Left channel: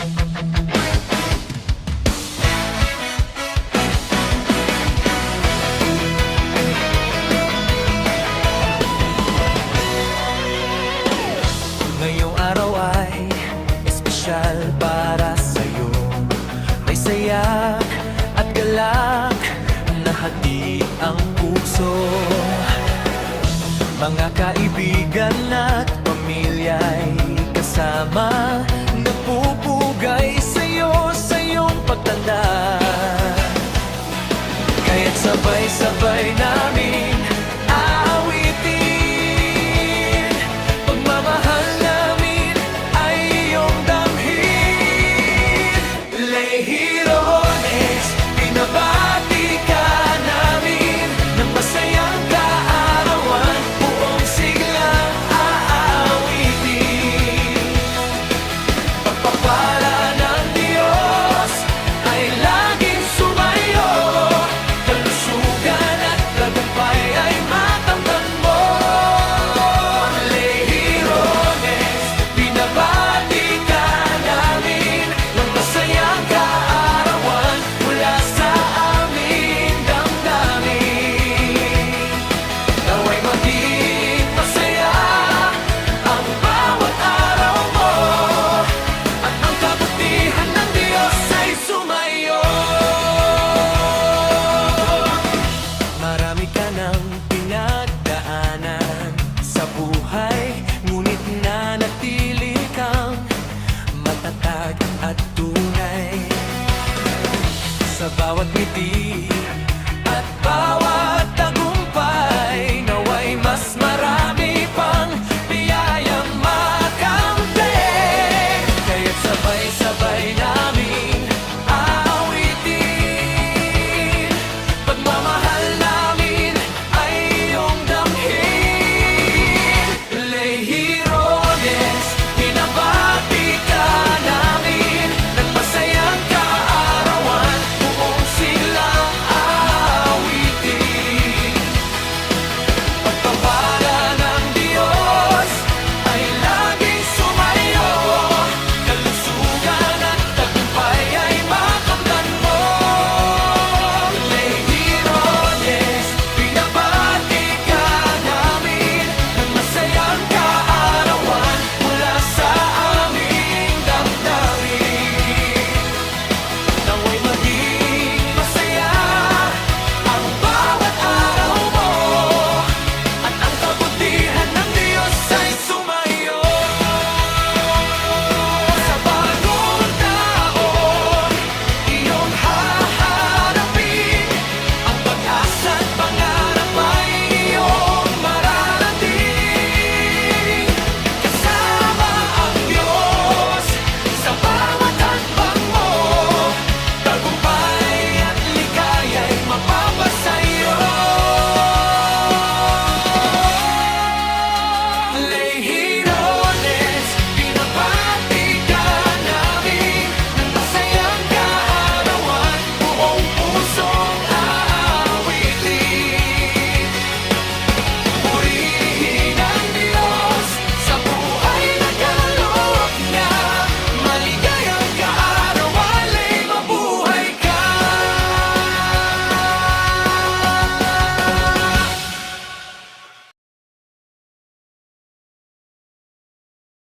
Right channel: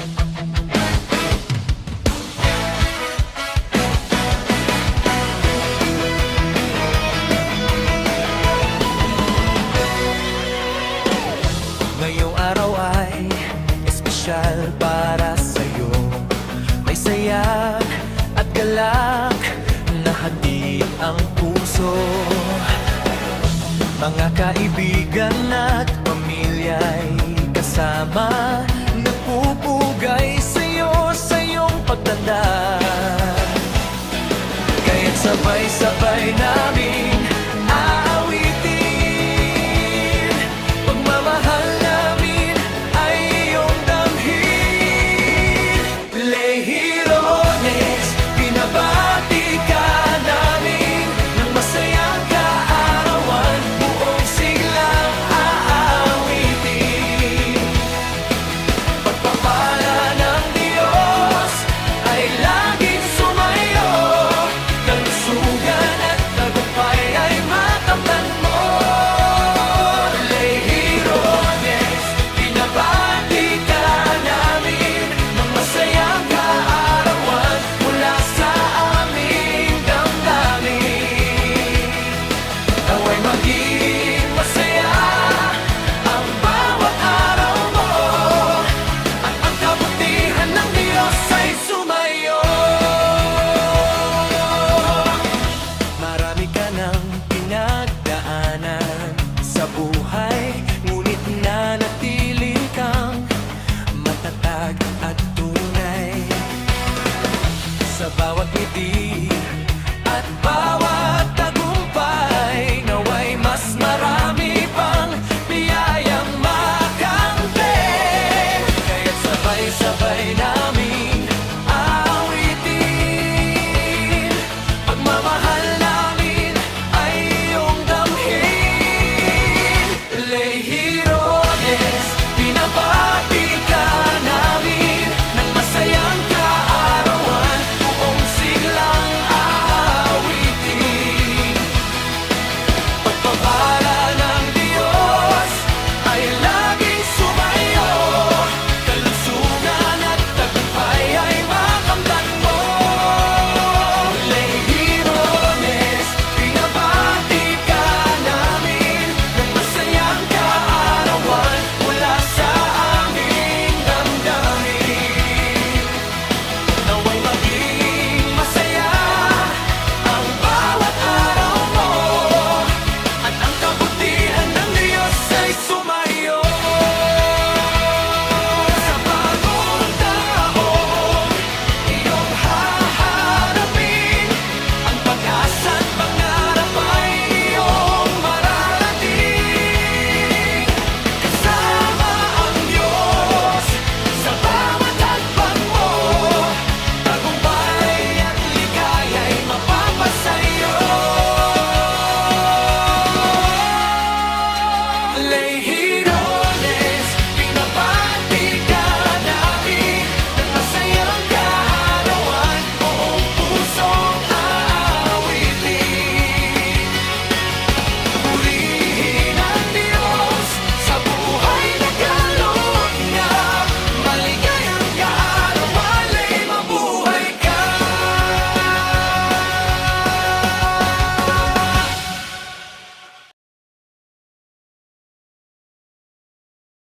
Ngayong araw ay espesyal para sa'yo. May saya at galak na hatid ang puso. Mga kaibigan at pamilya'y kasama, nagpupugay sa'yo sa iyong pagtanda. Kaya't sabay-sabay namin aawitin pagmamahal namin ay iyong damhin. Lehirones, binabati ka namin ng masayang kaarawan, buong siglang aawitin. Pagpapala ng Diyos ay laging sumayo, kalusugan at tagumpay ay makamtan mo. Lehirones, binabati ka namin ng masayang kaarawan mula sa aming damdamin. Nawa'y maging masaya ang bawat araw mo, at ang kabutihan ng Diyos ay sumayo. Marami ka ng pinagdaanan sa buhay, ngunit nanatili kang matatag at tunay. Sa bawat ngiti at bawat